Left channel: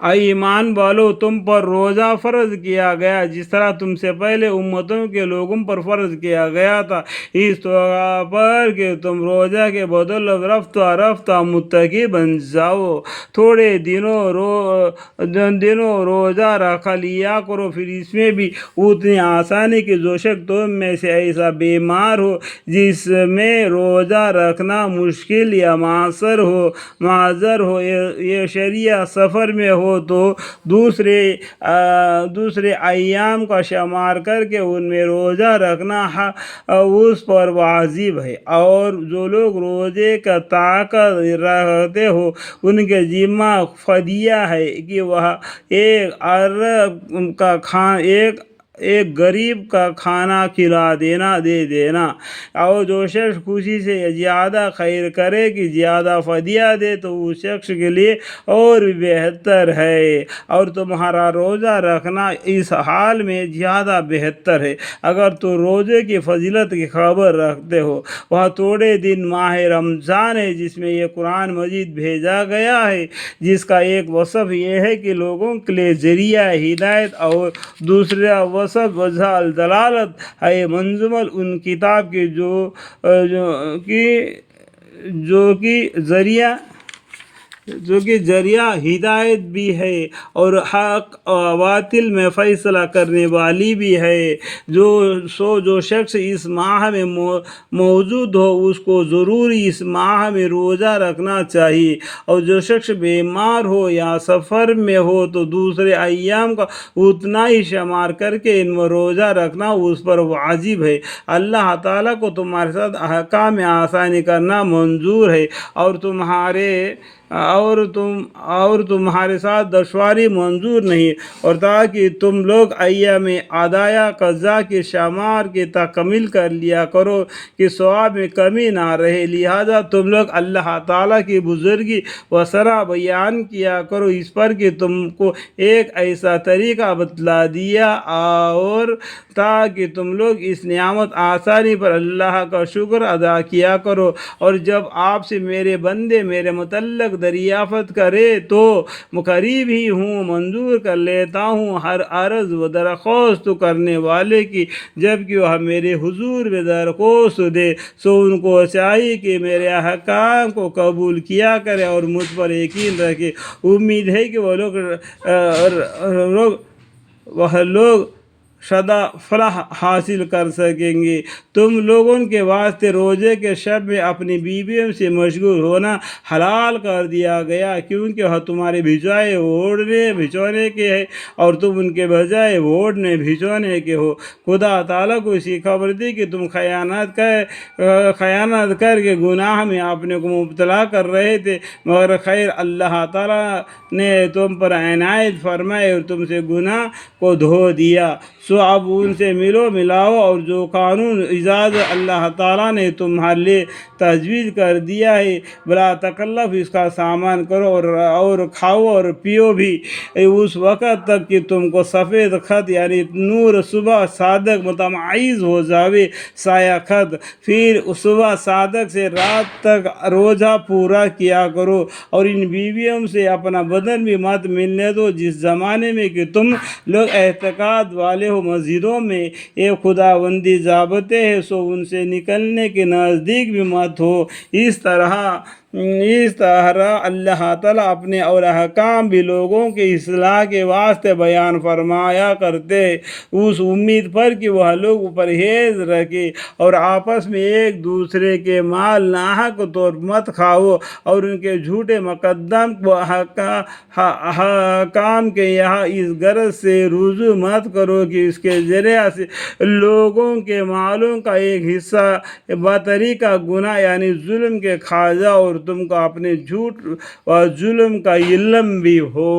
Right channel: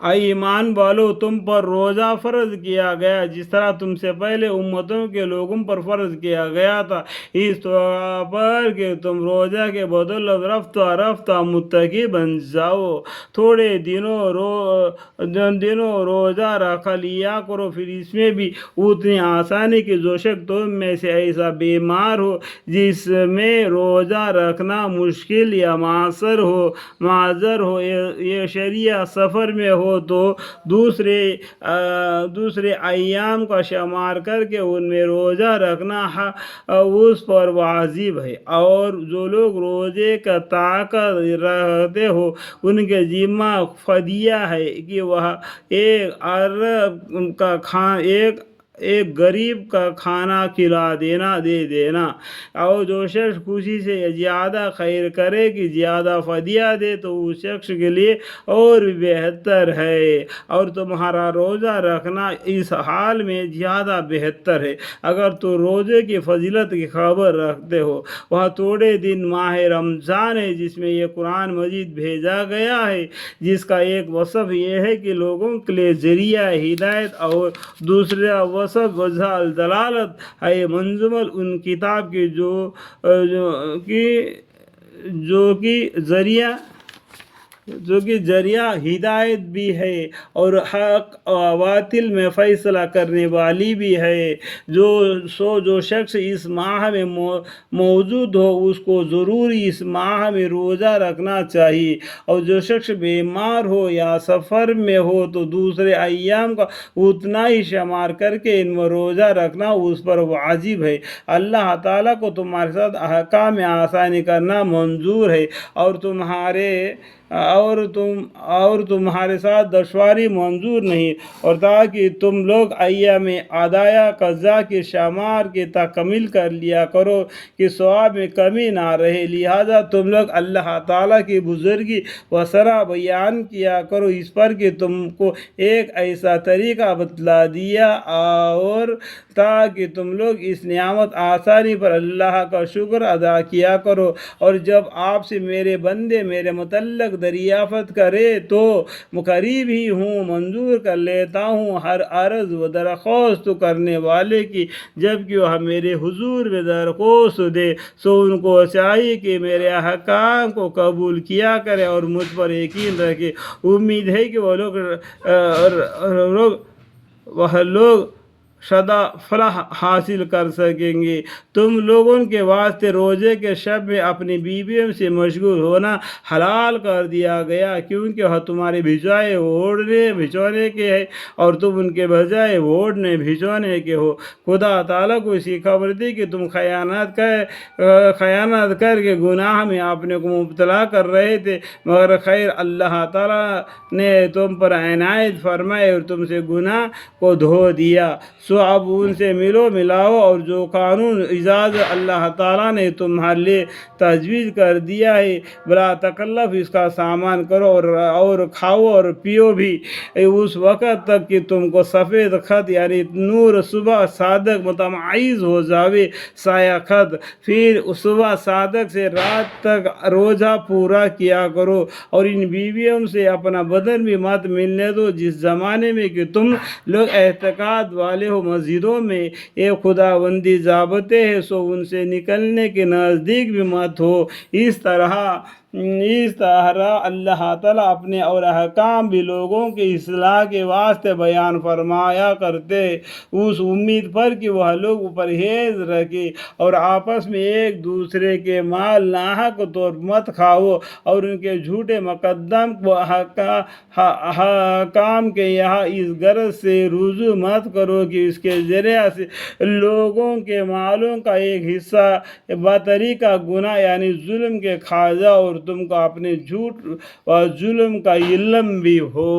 اے ایمان والو، تم پر روزہ فرض کیا گیا جس طرح تم سے پہلے امتوں کے لوگوں پر فرض کیا گیا تھا، اس طرح پر کہ تم روزہ کے بدل رفتہ رفتہ متقی بن جاؤ۔ تھوڑے دنوں روزہ رکھ لیا کرو، پھر اس میں بھی اتنی آسانی کہ جو شخص تم میں سے ایسا بیمار ہو جس میں روزہ رکھنا مشکل یا معذر ہو یا شرعی سفر میں ہو تو دوسرے ایام کا شمار کر کے ان میں روزہ رکھنا اس پر واجب ہے۔ اور جو لوگ روزے کا طاقت رکھتے ہو ان کے ذمہ فدیہ ہے کہ وہ ایک غریب کا کھانا دے دینا، اور جو شخص خوشی سے زیادہ خیر کرے کہ زیادہ فدیہ دے تو اس شخص کے لیے اور بھی بہتر ہے، اور تمہارا روزہ رکھنا اس حال میں زیادہ بہتر ہے اگر تو روزے کی فضیلت کی خبر رکھتے ہو۔ وہ تھوڑے دن ماہ رمضان ہے جس میں یہ قرآن مجید بھیجا گیا ہے، جس کا ایک وصف یہ ہے کہ لوگوں کے لیے ذریعہ ہدایت، اور دوسرا وصف وجہ الدلالت ہے منزمل ان کتاب کی جو کہ ذریعہ ہدایت بھی ہے اور حق و باطل میں فیصلہ کرنے والی بھی ہے۔ جو شخص اس ماہ میں موجود ہو اس کو ضرور اس ماہ میں روزہ رکھنا چاہیے، اور جو شخص بیمار ہو یا سفر میں ہو تو دوسرے ایام کا اتنا ہی شمار کر کے ان میں روزہ رکھنا اس پر واجب ہے۔ اللہ تعالیٰ کو تمہارے ساتھ احکام میں آسانی کرنا منظور ہے، اور تمہارے ساتھ دشواری منظور نہیں، اور تاکہ تم لوگ ایام عادیہ قضا کے شمار کی تکمیل کر لیا کرو کہ ثواب میں کمی نہ رہے۔ لہذا تم لوگ اللہ تعالیٰ کی بزرگی و سرا بیان کیا کرو اس پر کہ تم کو ایک ایسا طریقہ بتلا دیا اور تاکہ تم لوگ اس نعمت آسانی پر اللہ کا شکر ادا کیا کرو۔ اور جب آپ سے میرے بندے میرے متعلق دریافت کرے تو قریب ہی ہوں، منظور کر لیتا ہوں ہر عرض و درخواست کرنے والے کی، جبکہ وہ میرے حضور میں درخواست دے سو ان کو چاہیے کہ میرے احکام کو قبول کیا کرے اور مجھ پر یقین رکھے۔ امید ہے کہ وہ لوگ شدہ فلاح حاصل کر سکیں گے۔ تم لوگوں کے واسطے روزے کے شب میں اپنی بیویوں سے مشغول ہونا حلال کر دیا گیا، کیونکہ وہ تمہارے بجائے بھیجونے کے ہیں اور تم ان کے بجائے اوڑھنے بھیجونے کے ہو۔ خدا تعالیٰ کو اسی خبر دی کہ تم خیانت کر کے گناہ میں اپنے کو مبتلا کر رہے تھے، مگر خیر اللہ تعالیٰ نے تم پر عنایت فرمائی اور تم سے گناہ کو دھو دیا، سو اب ان سے ملاؤ، اور جو قانون اجازت اللہ تعالیٰ نے تمہارے لیے تجویز کر دیا ہے بلا تکلف اس کا سامان کرو اور کھاؤ اور پیو بھی اس وقت تک کہ تم کو سفید خط یعنی نور صبح صادق متمائز ہو جاوے سایہ خط، پھر صبح صادق سے رات تک روزہ پورا کیا کرو، اور ان بیویوں سے اپنا بدن بھی مت ملنے دو جس زمانے میں کہ تم لوگ اعتقاد والے ہو۔ مسجدوں میں ایک خداوندی ضابطے ہیں، سو ان سے نکلنے کے نزدیک بھی مت ہو۔ اس طرح اللہ تعالیٰ اپنے اور احکام بھی لوگوں کے اصلاح کے واسطے بیان فرمایا کرتے ہیں، اس امید پر کہ وہ لوگ پرہیز رکھیں اور آپس میں ایک دوسرے کے مال ناحق طور مت کھاؤ، اور ان کے جھوٹے مقدم کو حکام کے یہاں اس غرض سے رجوع مت کرو کہ اس کے ذریعہ سے لوگوں کے مالوں کا ایک حصہ بطریقہ گناہ یعنی ظلم کے کھا جاؤ، اور تم کو اپنے جھوٹ و ظلم کا علم بھی ہو۔